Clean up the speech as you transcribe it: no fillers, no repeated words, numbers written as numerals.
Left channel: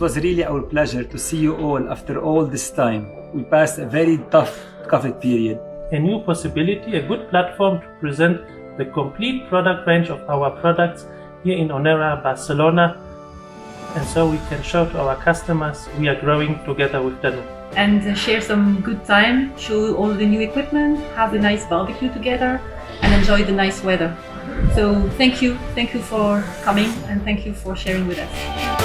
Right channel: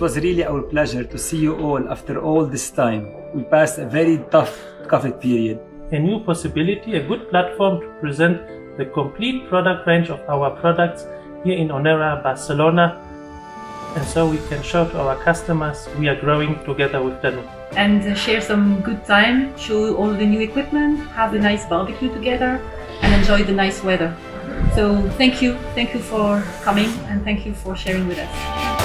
It was really our pleasure to see you all after all this time. We passed a very tough COVID period. A new possibility, a good platform to present the complete product range of our products here in Onera, Barcelona. And so we can show to our customers we are growing together with Danube. And share some good time, show all the new equipment, have a nice barbecue together and enjoy the nice weather. So thank you for coming and thank you for sharing with us.